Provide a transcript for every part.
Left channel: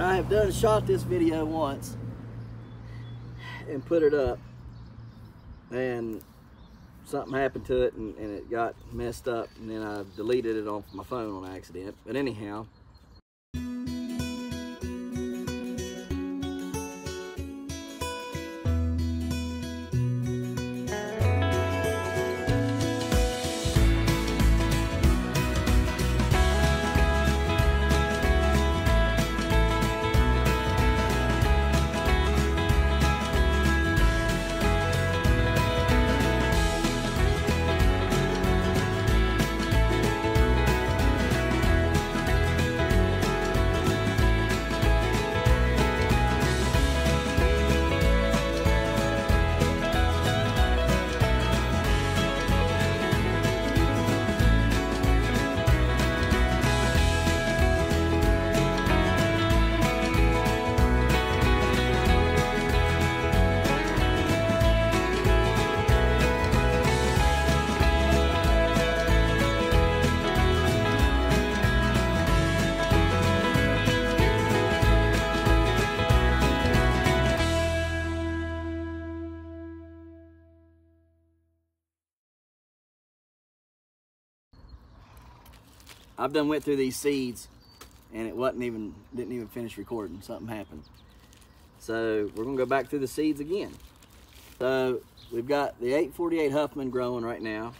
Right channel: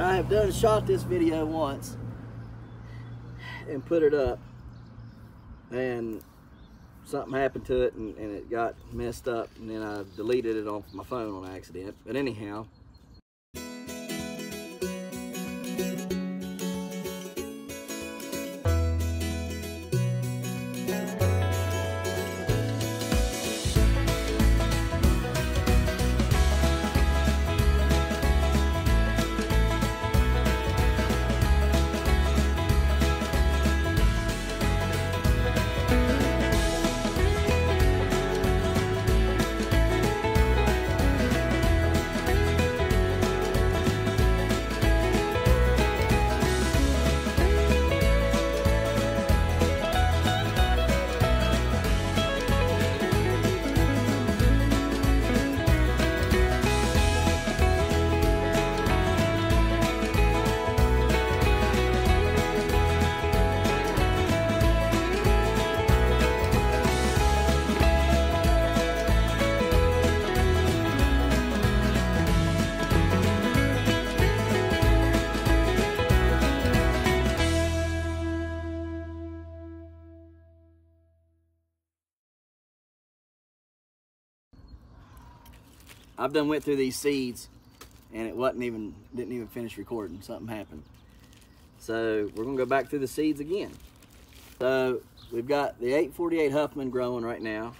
I have shot this video once and put it up, and something happened to it and it got messed up, and then I deleted it off my phone on accident. But anyhow, I've done went through these seeds and it didn't even finish recording. Something happened. So we're gonna go back through the seeds again. So we've got the 848 Huffman growing right now.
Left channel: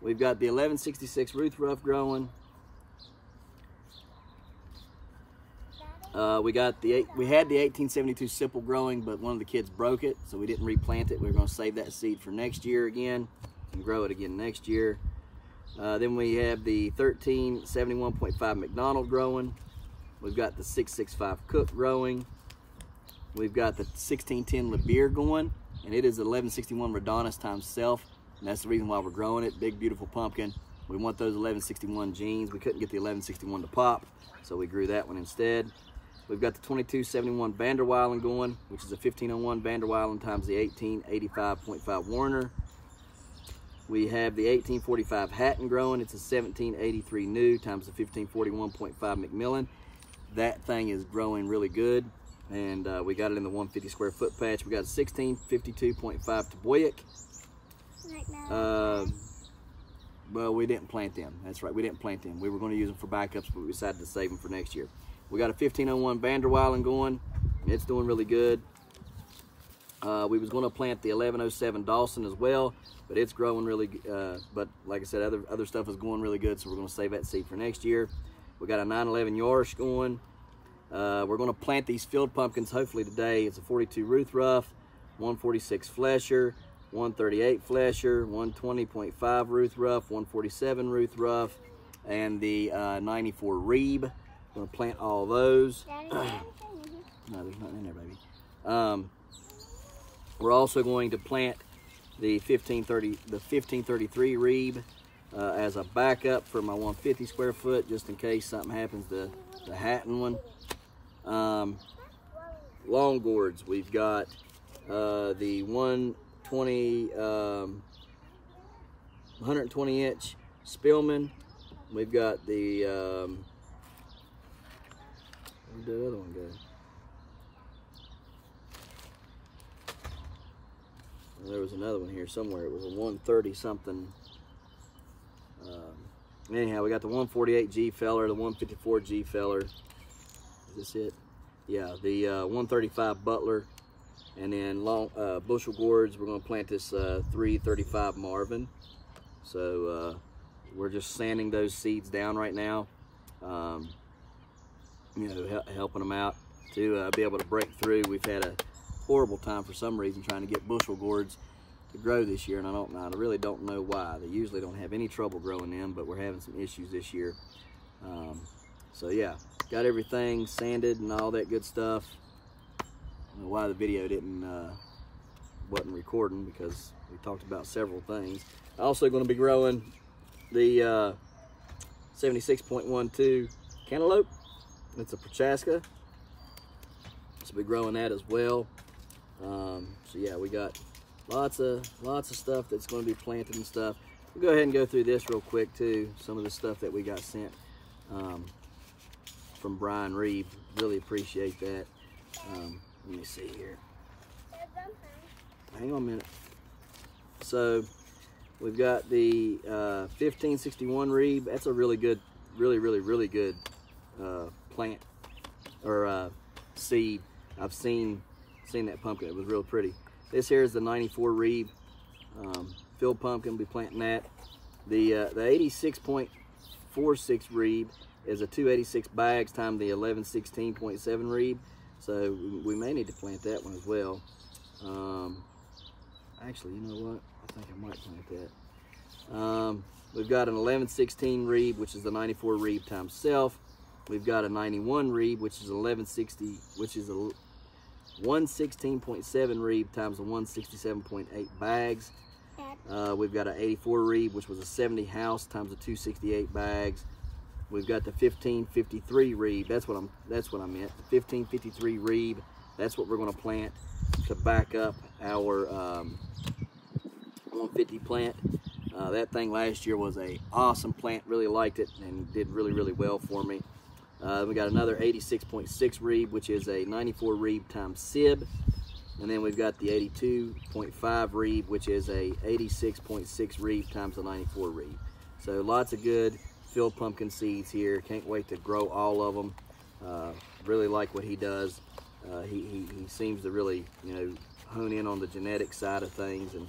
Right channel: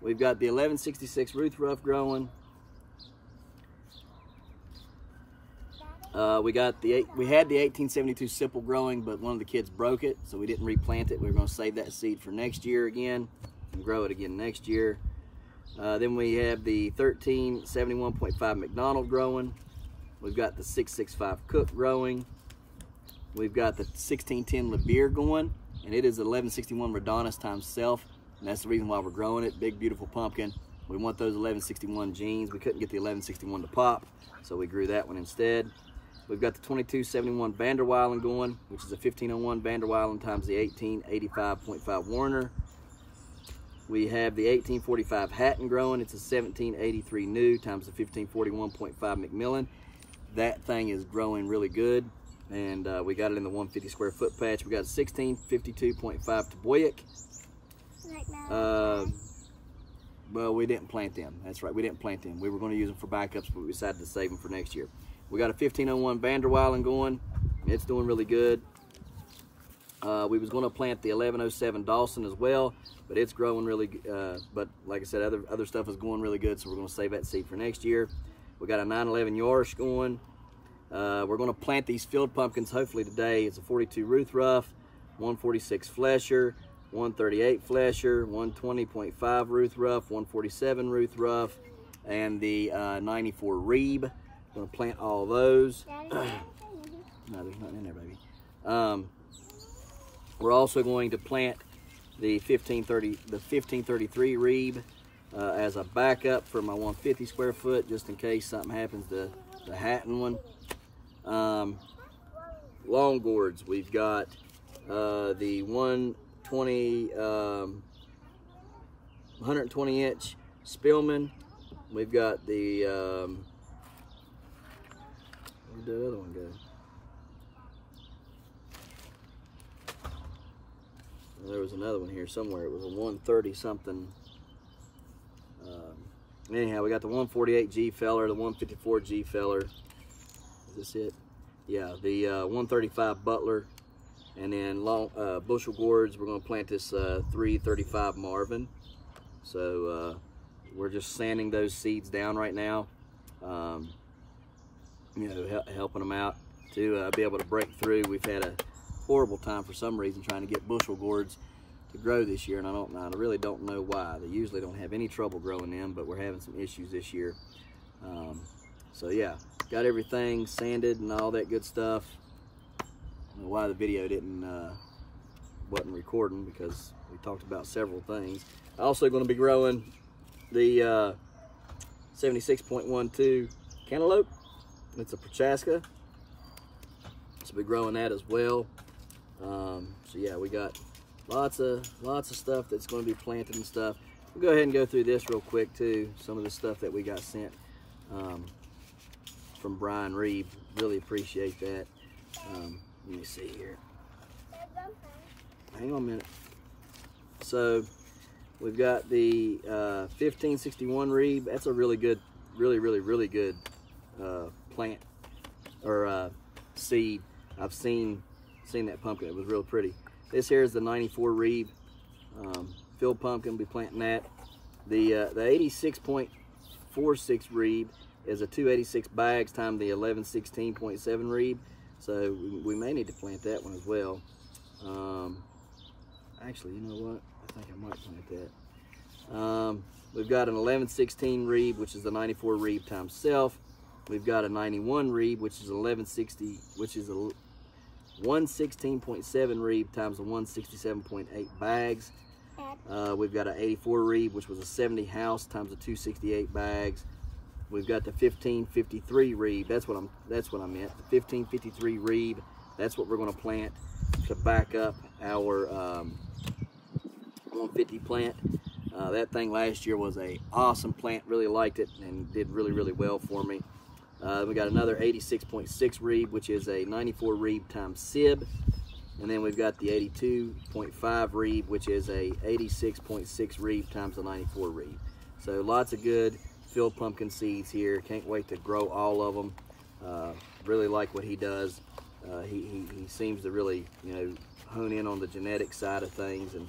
We've got the 1166 Ruth Ruff growing. We had the 1872 Simple growing, but one of the kids broke it, so we didn't replant it. We were gonna save that seed for next year again and grow it again next year. Then we have the 1371.5 McDonald growing. We've got the 665 Cook growing. We've got the 1610 LeBeer going, and it is 1161 Redonis times self, and that's the reason why we're growing it. Big, beautiful pumpkin. We want those 1161 genes. We couldn't get the 1161 to pop, so we grew that one instead. We've got the 2271 Vanderweilen going, which is a 1501 Vanderweilen times the 1885.5 Warner. We have the 1845 Hatton growing. It's a 1783 new times the 1541.5 McMillan. That thing is growing really good, and we got it in the 150 square foot patch. We got a 1652.5 Toboyak. Well, we didn't plant them. That's right, we didn't plant them. We were going to use them for backups, but we decided to save them for next year. We got a 1501 Vanderweilen going. It's doing really good. We was going to plant the 1107 Dawson as well, but it's growing really good. But like I said, other stuff is going really good, so we're going to save that seed for next year. We got a 911 Yorish going. We're going to plant these field pumpkins hopefully today. It's a 42 Ruth Ruff, 146 Flesher, 138 Flesher, 120.5 Ruth Ruff, 147 Ruth Ruff, and the 94 Reeb. We're going to plant all those. No, there's nothing in there, baby. We're also going to plant the 1533 Reeb as a backup for my 150 square foot, just in case something happens to the Hatton one. Long gourds, we've got the 120 inch Spillman. We've got the where'd the other one go? There was another one here somewhere. It was a 130 something. Anyhow, we got the 148 G feller, the 154 G feller. Is this it? Yeah, the 135 Butler, and then long bushel gourds. We're going to plant this 335 Marvin. So we're just sanding those seeds down right now. You know, helping them out to be able to break through. We've had a horrible time for some reason trying to get bushel gourds to grow this year, and I really don't know why. They usually don't have any trouble growing them, but we're having some issues this year. So yeah, got everything sanded and all that good stuff. I don't know why the video wasn't recording, because we talked about several things. Also going to be growing the 76.12 cantaloupe. It's a Prochaska. So we'll be growing that as well. So yeah, we got lots of stuff that's going to be planted and stuff. We'll go ahead and go through this real quick too. Some of the stuff that we got sent. from Brian Reeve. Really appreciate that. Let me see here. Hang on a minute. So we've got the 1561 Reeve. That's a really good, really good plant or seed. I've seen that pumpkin. It was real pretty. This here is the 94 Reeve field pumpkin. We'll be planting that. The 86.46 Reeve is a 286 bags times the 1116.7 Reeve. So we may need to plant that one as well. Actually, you know what? I think I might plant that. We've got an 1116 Reeve, which is the 94 Reeve times self. We've got a 91 Reeve, which is 1160, which is a 116.7 Reeve times the 167.8 bags. We've got an 84 Reeve, which was a 70 house times the 268 bags. We've got the 1553 Reeve. That's what I meant. The 1553 Reeve. That's what we're going to plant to back up our 150 plant. That thing last year was a awesome plant. Really liked it and did really well for me. We got another 86.6 Reeve, which is a 94 Reeve times Sib. And then we've got the 82.5 Reeve, which is a 86.6 Reeve times the 94 Reeve. So lots of good field pumpkin seeds here. Can't wait to grow all of them. Really like what he does. He seems to really, you know, hone in on the genetic side of things and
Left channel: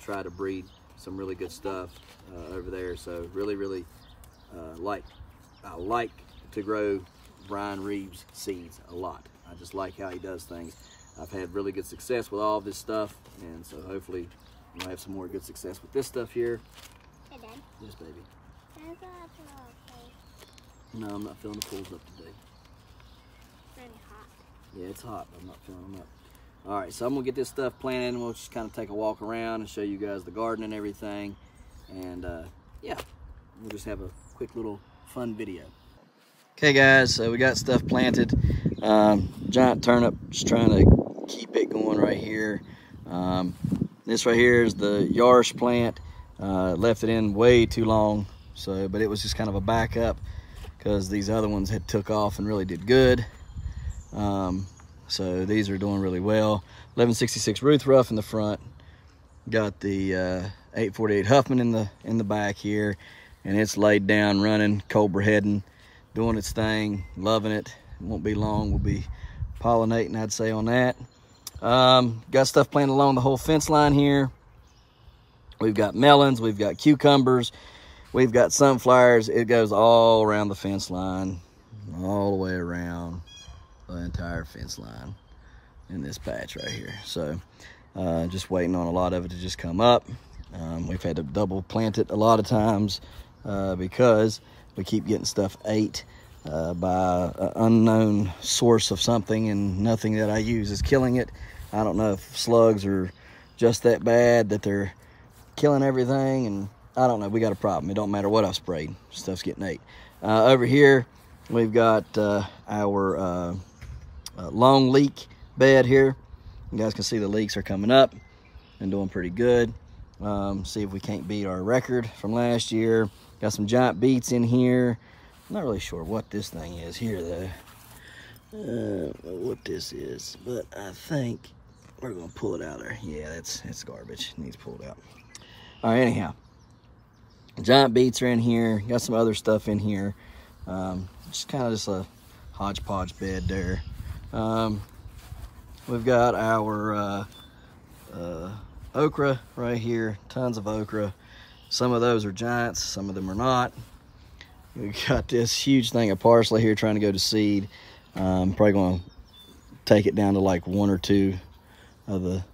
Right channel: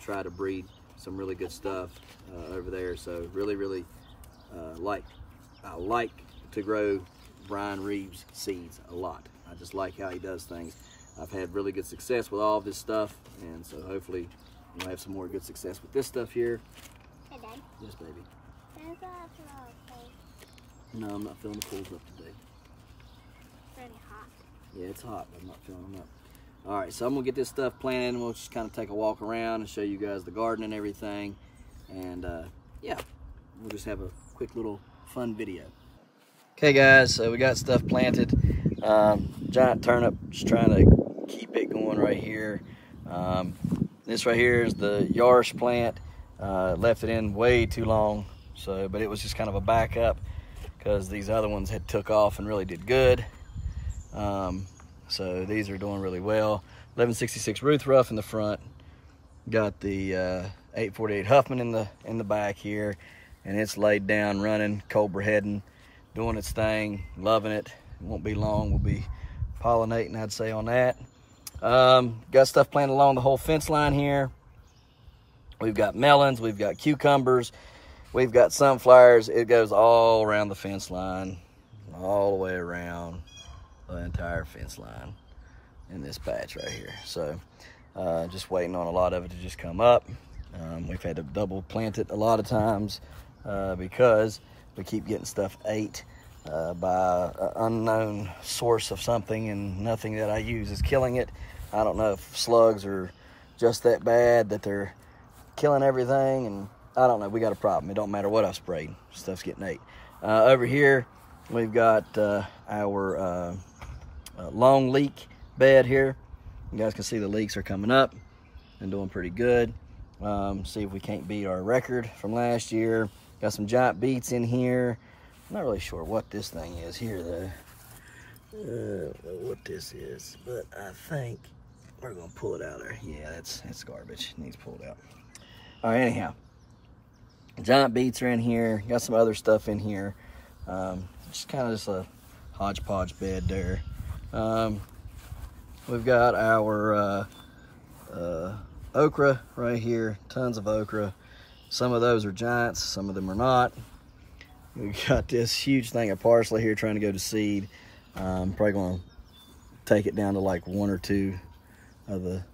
try to breed some really good stuff over there. So really I like to grow Brian Reeve's seeds a lot. I just like how he does things. I've had really good success with all of this stuff, and so hopefully we'll have some more good success with this stuff here. Hey, Dad. Yes, baby. There's a pool. No, I'm not filling the pools up today. It's really hot. Yeah, it's hot, but I'm not filling them up. All right, so I'm gonna get this stuff planted, and we'll just kind of take a walk around and show you guys the garden and everything. And yeah, we'll just have a quick little fun video. Okay guys, so we got stuff planted. Giant turnip, just trying to keep it going right here. This right here is the Yarsh plant. Left it in way too long, but it was just kind of a backup because these other ones had took off and really did good. So these are doing really well. 1166 Ruth Ruff in the front. Got the 848 Huffman in the back here, and it's laid down, running, Cobraheading, doing its thing, loving it. It won't be long. We'll be pollinating, I'd say, on that. Got stuff planted along the whole fence line here. We've got melons, we've got cucumbers, we've got sunflowers. It goes all around the fence line, all the way around the entire fence line in this patch right here. So just waiting on a lot of it to just come up. We've had to double plant it a lot of times because we keep getting stuff ate by an unknown source of something, and nothing that I use is killing it. I don't know if slugs are just that bad that they're killing everything, and I don't know. We got a problem. It don't matter what I've sprayed, stuff's getting ate. Over here we've got our long leek bed here. You guys can see the leeks are coming up and doing pretty good. See if we can't beat our record from last year. Got some giant beets in here. I'm not really sure what this thing is here though. What this is, but I think we're gonna pull it out of there. Yeah, that's garbage. It needs pulled out. All right, anyhow, giant beets are in here. Got some other stuff in here. Just kind of just a hodgepodge bed there. We've got our okra right here. Tons of okra. Some of those are giants, some of them are not. We got this huge thing of parsley here trying to go to seed. I'm probably going to take it down to like 1 or 2 of the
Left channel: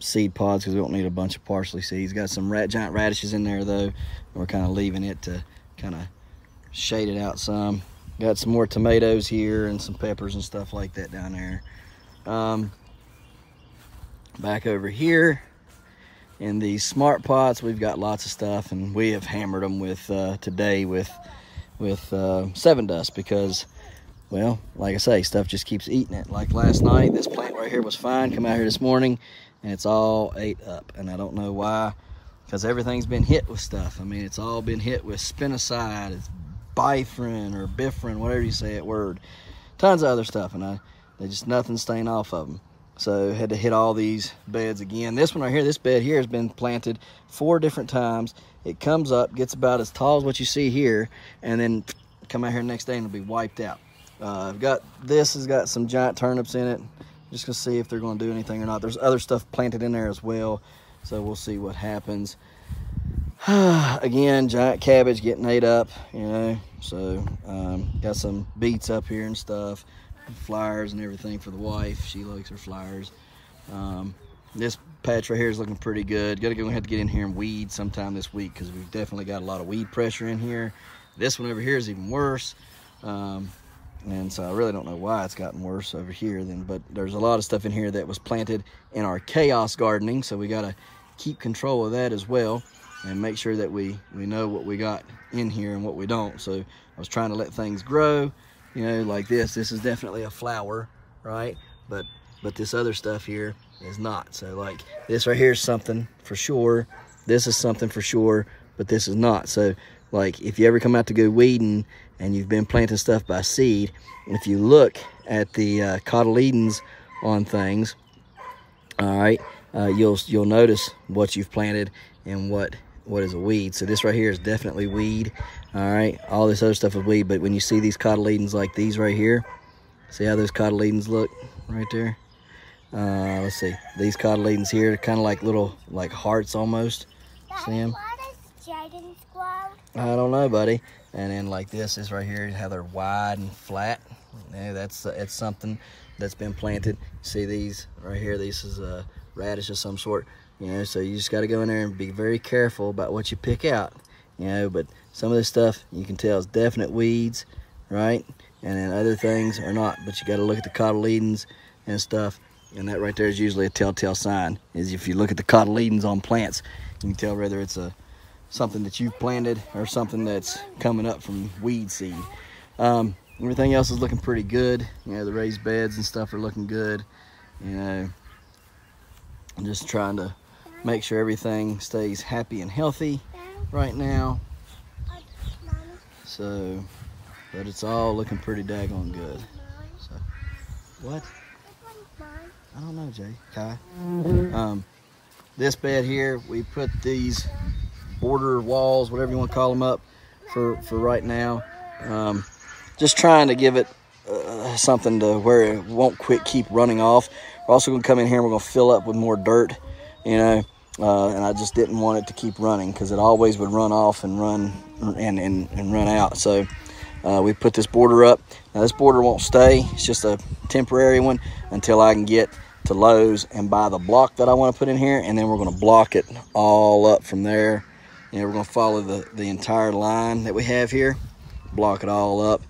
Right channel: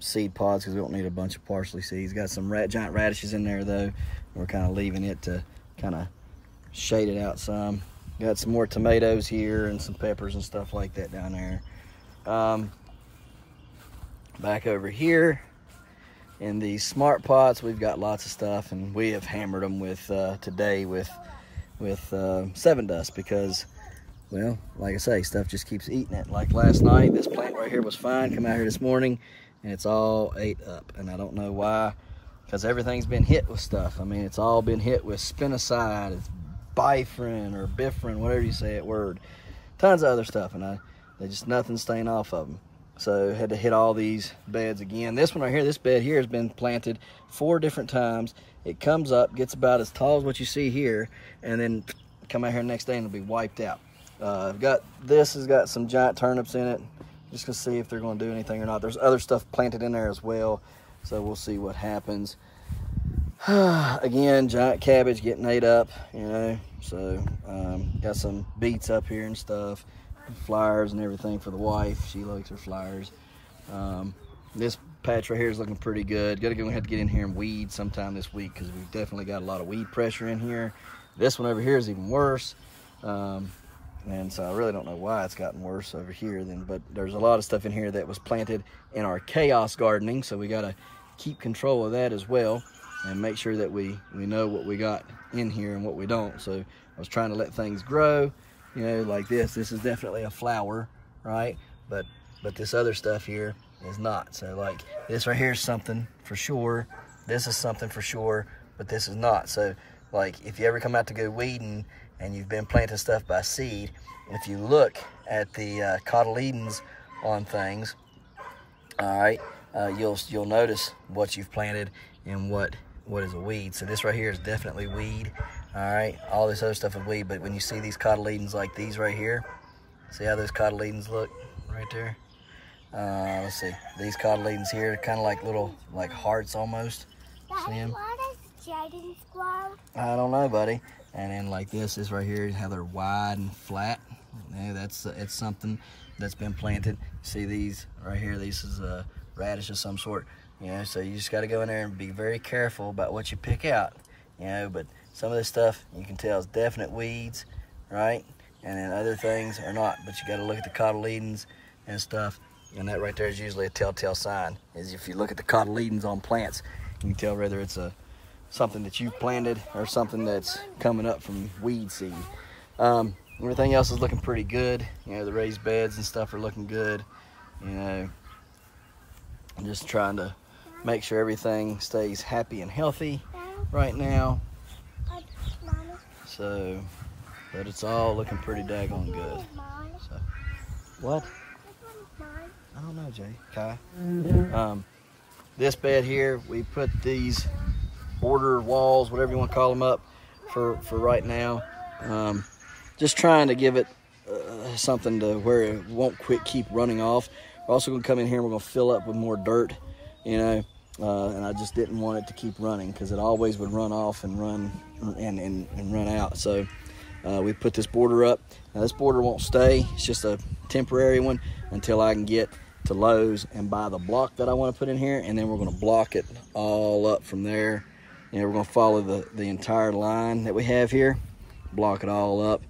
seed pods because we don't need a bunch of parsley seeds. Got some giant radishes in there though. We're kind of leaving it to kind of shade it out some. Got some more tomatoes here and some peppers and stuff like that down there. Back over here in these smart pots, we've got lots of stuff, and we have hammered them with today with 7 dust because, well, like I say, stuff just keeps eating it. Like last night, this plant right here was fine. Come out here this morning and it's all ate up, and I don't know why, because everything's been hit with stuff. I mean, it's all been hit with spinoside, it's bifrin or bifrin, whatever you say it, word. Tons of other stuff, and they just nothing's staying off of them. So had to hit all these beds again. This one right here, this bed here has been planted 4 different times. It comes up, gets about as tall as what you see here, and then come out here next day and it'll be wiped out. I've got, this has got some giant turnips in it. Just gonna see if they're gonna do anything or not. There's other stuff planted in there as well, so we'll see what happens. Again, giant cabbage getting ate up, you know. So got some beets up here and stuff, flowers and everything for the wife. She likes her flowers. This patch right here is looking pretty good. Gonna have to get in here and weed sometime this week because we've definitely got a lot of weed pressure in here. This one over here is even worse. And so I really don't know why it's gotten worse over here then, but there's a lot of stuff in here that was planted in our chaos gardening, so we got to keep control of that as well and make sure that we know what we got in here and what we don't. So I was trying to let things grow, you know, like this is definitely a flower, right? But this other stuff here is not. So like this right here is something for sure, this is something for sure, but this is not. So like if you ever come out to go weeding and you've been planting stuff by seed, if you look at the cotyledons on things, all right, you'll notice what you've planted and what is a weed. So this right here is definitely weed, all right. All this other stuff is weed, but when you see these cotyledons like these right here, see how those cotyledons look right there? Let's see, these cotyledons here are kind of like little like hearts almost. See them? I don't know, buddy. And then like this is right here, how they're wide and flat. Yeah, that's something that's been planted. See these right here, this is a radish of some sort. You know, so you just got to go in there and be very careful about what you pick out. You know, but some of this stuff you can tell is definite weeds, right? And then other things are not. But you got to look at the cotyledons and stuff. And that right there is usually a telltale sign. Is if you look at the cotyledons on plants, you can tell whether it's something that you planted or something that's coming up from weed seed. Everything else is looking pretty good. You know, the raised beds and stuff are looking good. You know, I'm just trying to make sure everything stays happy and healthy right now. So, but it's all looking pretty daggone good. So, what? I don't know, Jay. Kai. This bed here, we put these border walls, whatever you want to call them, up for right now. Just trying to give it something to where it won't keep running off. We're also going to come in here and we're going to fill up with more dirt, you know, and I just didn't want it to keep running because it always would run off and run and run out. So we put this border up. Now this border won't stay. It's just a temporary one until I can get to Lowe's and buy the block that I want to put in here, and then we're going to block it all up from there. And we're going to follow the entire line that we have here, block it all up,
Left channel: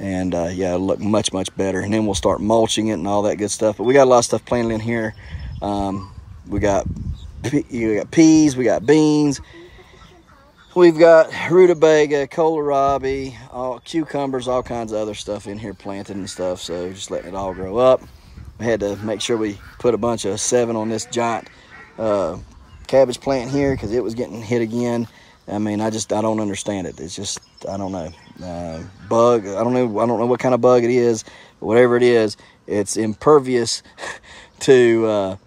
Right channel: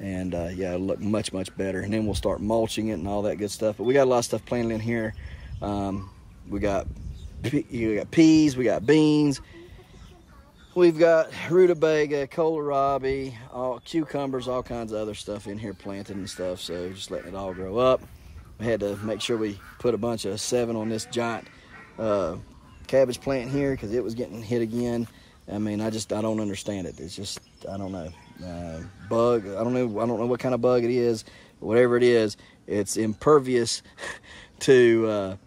and yeah, it'll look much better. And then we'll start mulching it and all that good stuff. But we got a lot of stuff planted in here. We got peas, we got beans, we've got rutabaga, kohlrabi, cucumbers, all kinds of other stuff in here planted and stuff. So just letting it all grow up. We had to make sure we put a bunch of 7 on this giant cabbage plant here because it was getting hit again. I mean, I don't understand it. It's just, I don't know, bug. I don't know what kind of bug it is, but whatever it is, it's impervious to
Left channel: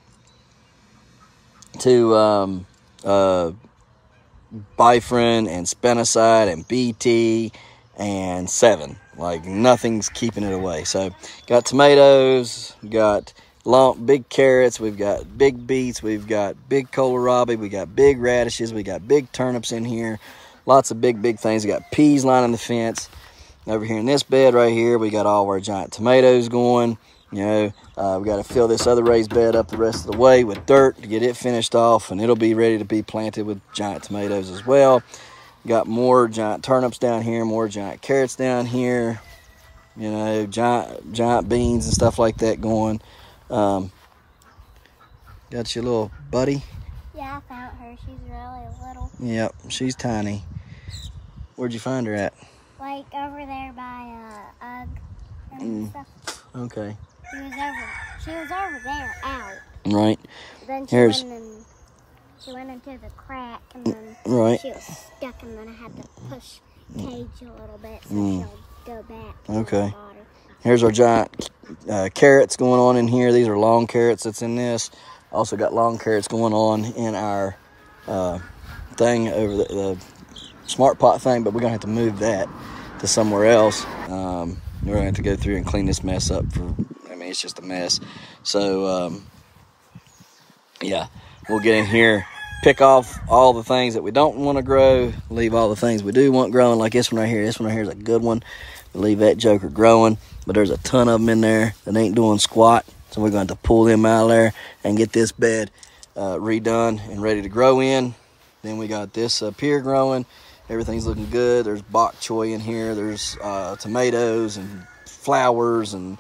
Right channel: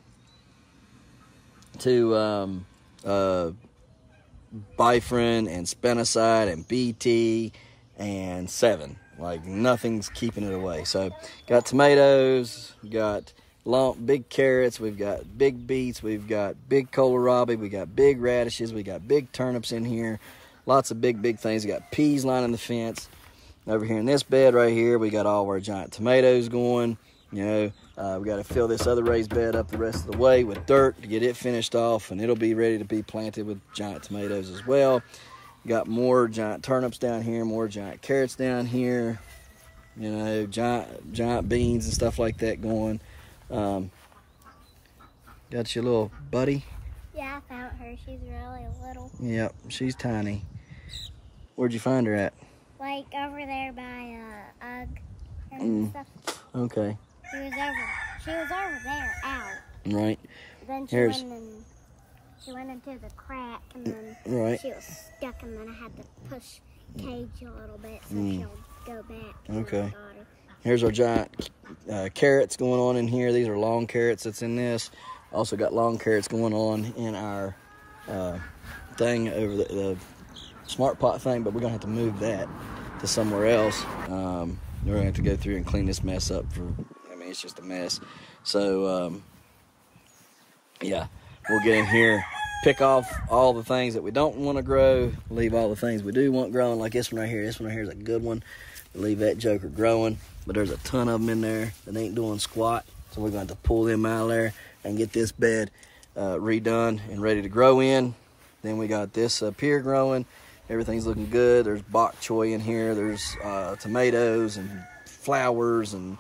bifrin and spinoside and BT and 7. Like nothing's keeping it away. So got tomatoes, got big carrots, we've got big beets, we've got big kohlrabi, we got big radishes, we got big turnips in here, lots of big things. We got peas lining the fence. Over here in this bed right here, we got all of our giant tomatoes going. You know, we got to fill this other raised bed up the rest of the way with dirt to get it finished off, and it'll be ready to be planted with giant tomatoes as well. Got more giant turnips down here, more giant carrots down here, you know, giant beans and stuff like that going. Got your little buddy? Yeah, I found her. She's really little. Yep, she's tiny. Where'd you find her at? Like over there by UGG and stuff. Okay. She was over there out. Right. Then she went into the crack, and then right. she was stuck, and then I had to push cage a little bit so she'll go back to Okay. the water. Here's our giant carrots going on in here. These are long carrots that's in this. Also got long carrots going on in our thing over the smart pot thing, but we're gonna have to move that to somewhere else. We're gonna have to go through and clean this mess up I mean, it's just a mess. So, yeah, we'll get in here, pick off all the things that we don't want to grow, leave all the things we do want growing, like this one right here. This one right here is a good one. Leave that joker growing, but there's a ton of them in there that ain't doing squat, so we're going to pull them out of there and get this bed redone and ready to grow in. Then we got this up here growing. Everything's looking good. There's bok choy in here. There's tomatoes and flowers and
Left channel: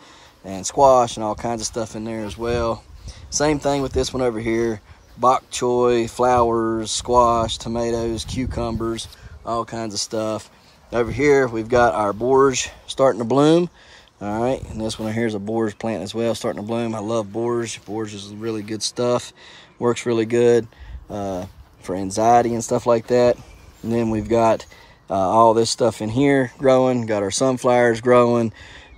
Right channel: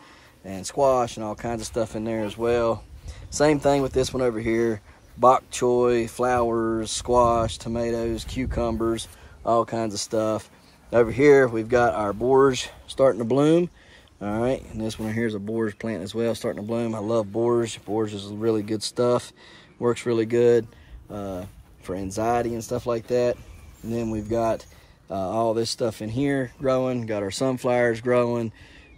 squash and all kinds of stuff in there as well. Same thing with this one over here. Bok choy, flowers, squash, tomatoes, cucumbers, all kinds of stuff. Over here, we've got our borage starting to bloom. All right, and this one here is a borage plant as well, starting to bloom. I love borage. Borage is really good stuff. Works really good for anxiety and stuff like that. And then we've got all this stuff in here growing. Got our sunflowers growing.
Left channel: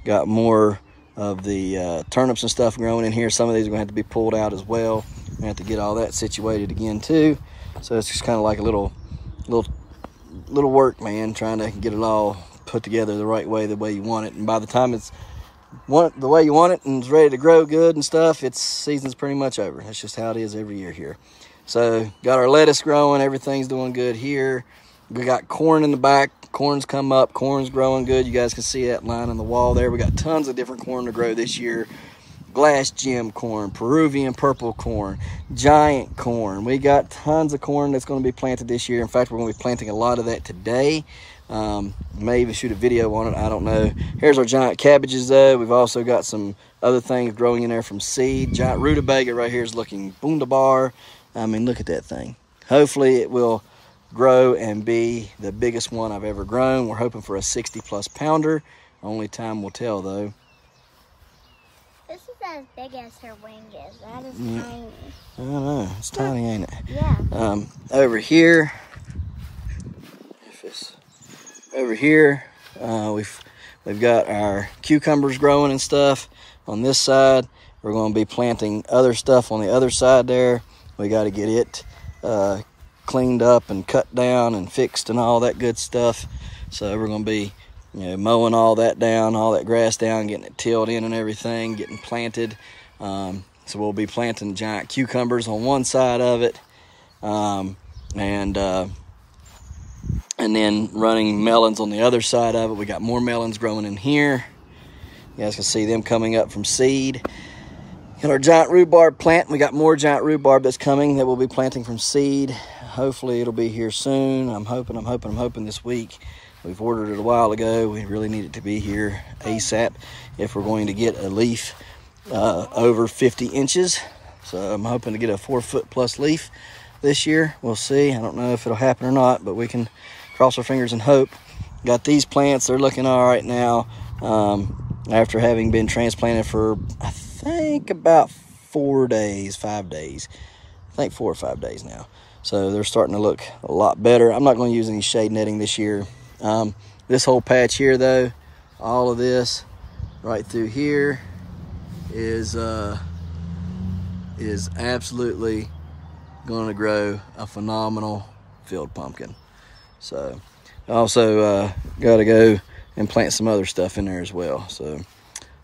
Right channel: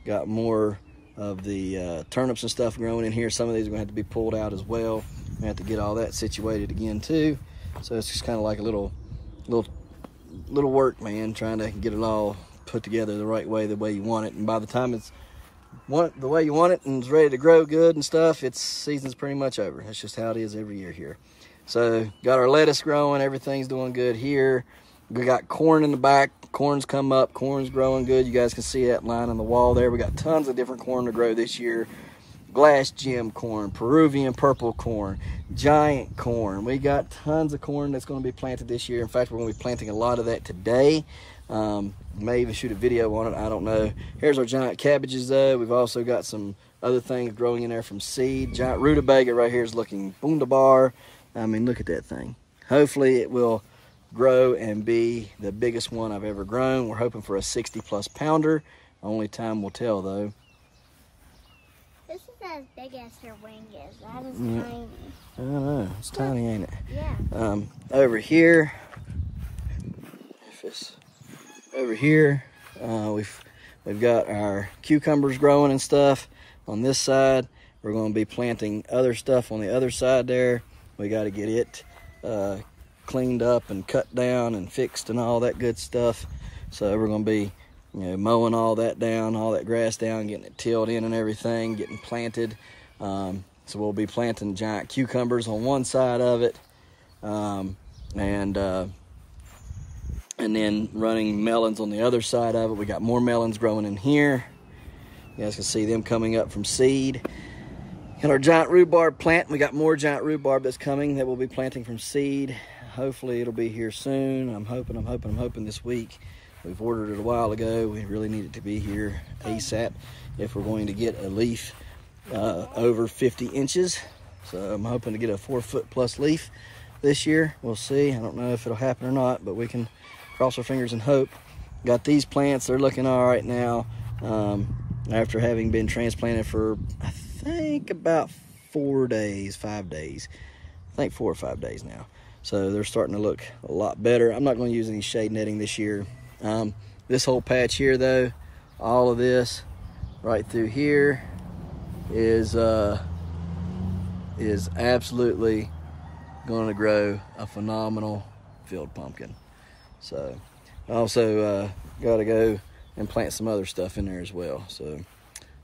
Got more of the turnips and stuff growing in here. Some of these are going to have to be pulled out as well. We have to get all that situated again too. So it's just kind of like a little work, man, trying to get it all put together the right way, the way you want it. And by the time it's the way you want it and it's ready to grow good and stuff, its season's pretty much over. That's just how it is every year here. So got our lettuce growing. Everything's doing good here. We got corn in the back. Corn's come up. Corn's growing good. You guys can see that line on the wall there. We got tons of different corn to grow this year. Glass gem corn, Peruvian purple corn, giant corn. We got tons of corn that's going to be planted this year. In fact, we're going to be planting a lot of that today. May even shoot a video on it. I don't know. Here's our giant cabbages, though. We've also got some other things growing in there from seed. Giant rutabaga right here is looking boondabar. I mean, look at that thing. Hopefully, it will grow and be the biggest one I've ever grown. We're hoping for a 60-plus pounder. Only time will tell, though. This is as big as her wing is. That is tiny. I don't know. It's tiny, ain't it? Yeah. Over here, we've got our cucumbers growing and stuff on this side. We're going to be planting other stuff on the other side there. We got to get it cleaned up and cut down and fixed and all that good stuff. So we're going to be mowing all that down, all that grass down, getting it tilled in and everything, getting planted. So we'll be planting giant cucumbers on one side of it, and then running melons on the other side of it. We got more melons growing in here. You guys can see them coming up from seed. Got our giant rhubarb plant. We got more giant rhubarb that's coming that we'll be planting from seed. Hopefully it'll be here soon. I'm hoping this week. We've ordered it a while ago. We really need it to be here ASAP if we're going to get a leaf over 50 inches. So I'm hoping to get a 4-foot plus leaf this year. We'll see. I don't know if it'll happen or not, but we can cross our fingers and hope. Got these plants. They're looking all right now. After having been transplanted for, I think, about 5 days. I think 4 or 5 days now. So they're starting to look a lot better. I'm not going to use any shade netting this year. This whole patch here, though, all of this right through here is absolutely going to grow a phenomenal field pumpkin. So I also got to go and plant some other stuff in there as well. So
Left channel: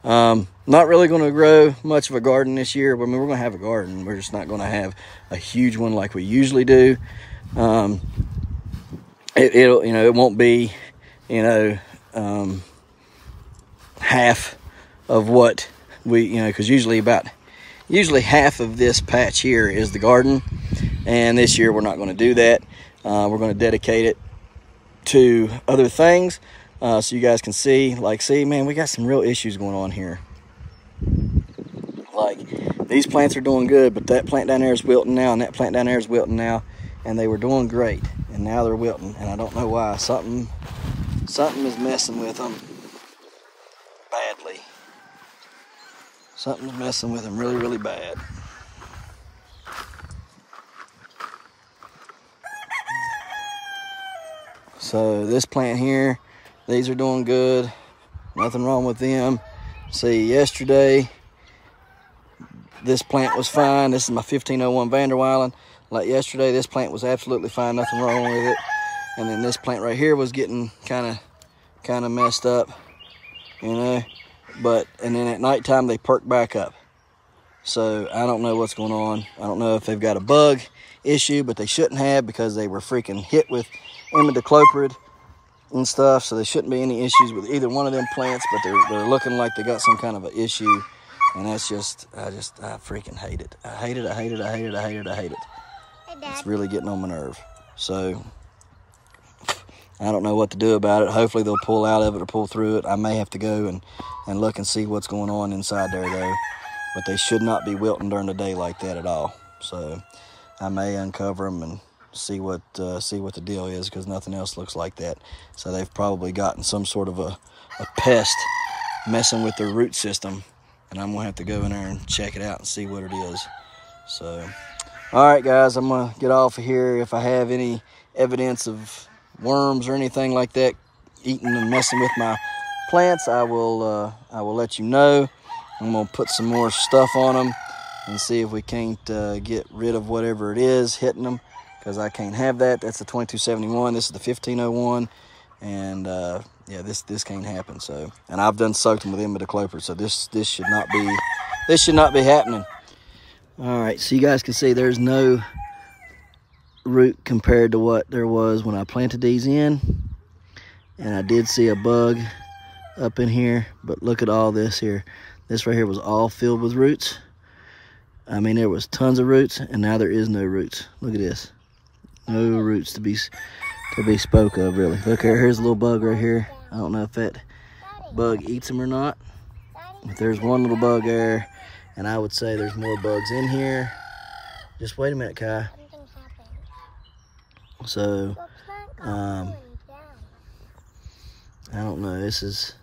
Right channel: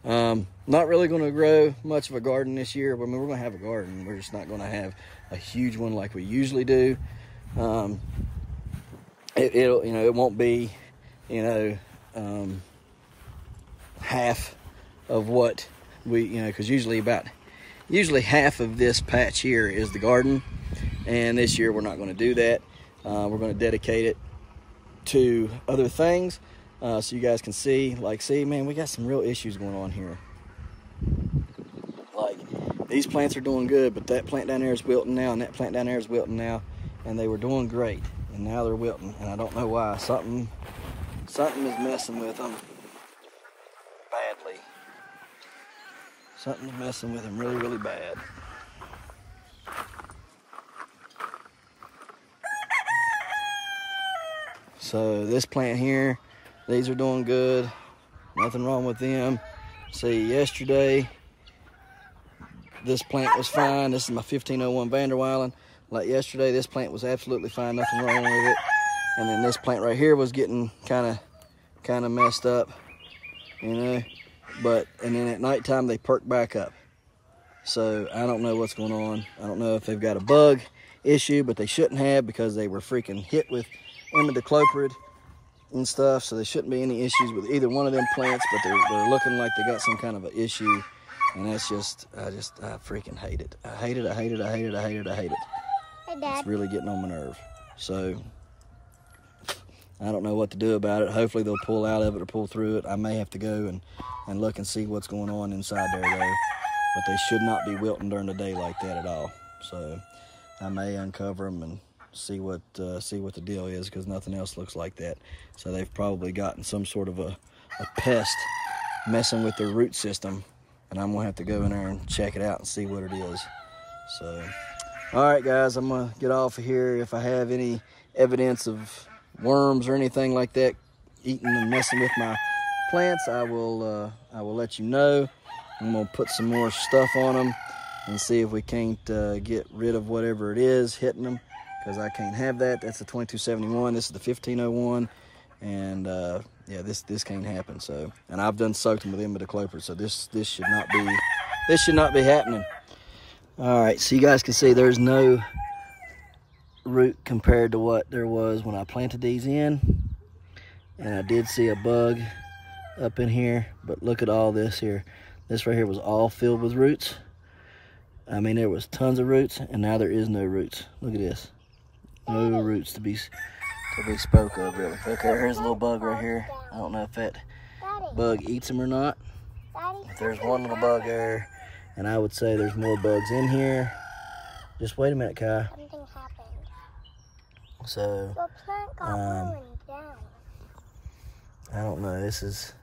not really going to grow much of a garden this year. I mean, we're going to have a garden. We're just not going to have a huge one like we usually do. It won't be, half of what we, because usually half of this patch here is the garden, and this year we're not going to do that. We're going to dedicate it to other things, so you guys can see, man, we got some real issues going on here. Like, these plants are doing good, but that plant down there is wilting now, and that plant down there is wilting now, and they were doing great, and now they're wilting, and I don't know why. Something is messing with them badly. Something's messing with them really, really bad. So So this plant here, these are doing good. Nothing wrong with them. See, yesterday, this plant was fine. This is my 1501 Vanderweilen. Like yesterday, this plant was absolutely fine. Nothing wrong with it. And then this plant right here was getting kind of messed up, you know. And then at nighttime, they perk back up. So I don't know what's going on. I don't know if they've got a bug issue, but they shouldn't have, because they were freaking hit with imidacloprid and stuff. So there shouldn't be any issues with either one of them plants, but they're looking like they got some kind of an issue. And that's just, I freaking hate it. I hate it, I hate it, I hate it, I hate it, I hate it. Hey, Dad. It's really getting on my nerve. So I don't know what to do about it. Hopefully they'll pull out of it or pull through it. I may have to go and look and see what's going on inside there though. But they should not be wilting during the day like that at all. So I may uncover them and see what the deal is, because nothing else looks like that. So they've probably gotten some sort of a pest messing with their root system, and I'm gonna have to go in there and check it out and see what it is. So, all right, guys, I'm gonna get off of here. If I have any evidence of worms or anything like that eating and messing with my plants, I will let you know. I'm gonna put some more stuff on them and see if we can't get rid of whatever it is hitting them, because I can't have that. That's the 2271. This is the 1501, and yeah, this can't happen. So, and I've done soaked them with imidacloprid, so this should not be happening. All right, so you guys can see there's no root compared to what there was when I planted these in, and I did see a bug up in here, but look at all this here. This right here was all filled with roots. I mean, there was tons of roots, and now there is no roots. Look at this. No roots to be spoke of, really. Look here, here's a little bug right here. I don't know if that bug eats them or not. But there's one little bug there, and I would say there's more bugs in here. Just wait a minute, Kai. So, I don't know. This is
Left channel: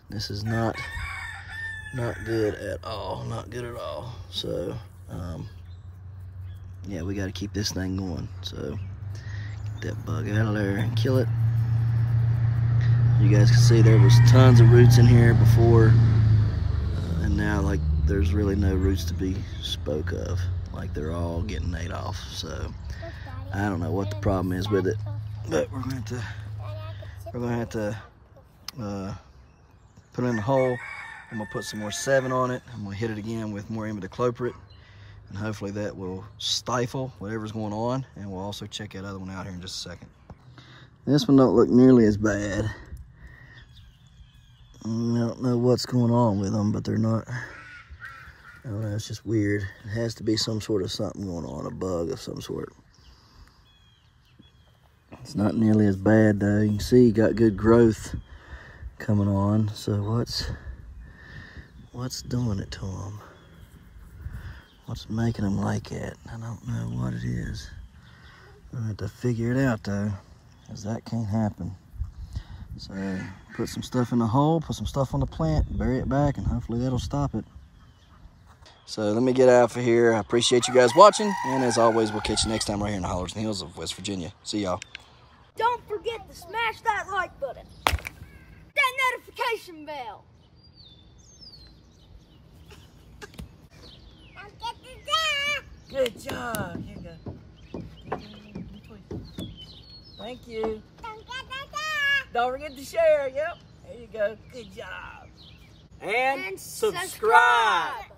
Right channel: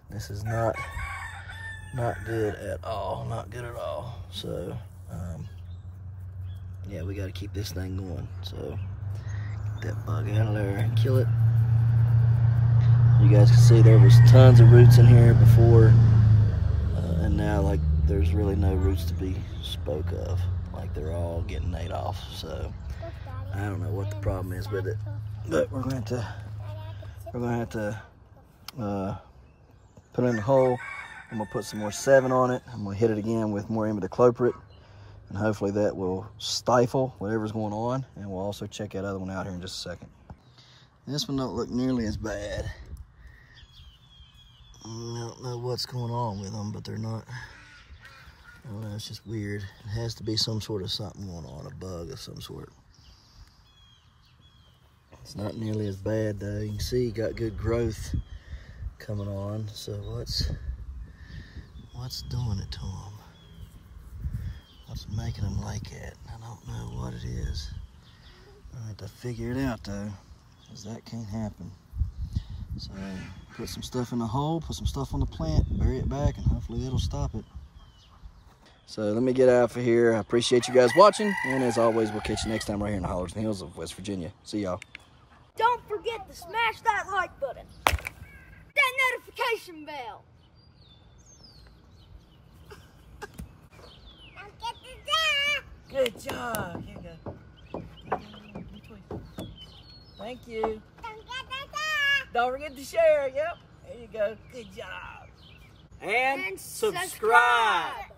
not good at all. Not good at all. So, yeah, we got to keep this thing going. So, get that bug out of there and kill it. You guys can see there was tons of roots in here before, and now, like, there's really no roots to be spoke of. Like, they're all getting ate off. So, I don't know what the problem is with it, but we're gonna have to put it in the hole. I'm gonna put some more 7 on it. I'm gonna hit it again with more imidacloprid, and hopefully that will stifle whatever's going on. And we'll also check that other one out here in just a second. This one don't look nearly as bad. I don't know what's going on with them, but they're not. I don't know, it's just weird. It has to be some sort of something going on, a bug of some sort. It's not nearly as bad though. You can see you got good growth coming on. So what's doing it to them? What's making them like that? I don't know what it is. I have to figure it out though, because that can't happen. So put some stuff in the hole, put some stuff on the plant, bury it back, and hopefully that'll stop it. So let me get out of here. I appreciate you guys watching, and as always, we'll catch you next time right here in the Hollers and Hills of West Virginia. See y'all. Don't forget to smash that like button, that notification bell. Don't get the Good job. Here you go. Thank you. Don't get the Don't forget to share. Yep. There you go. Good job. And subscribe.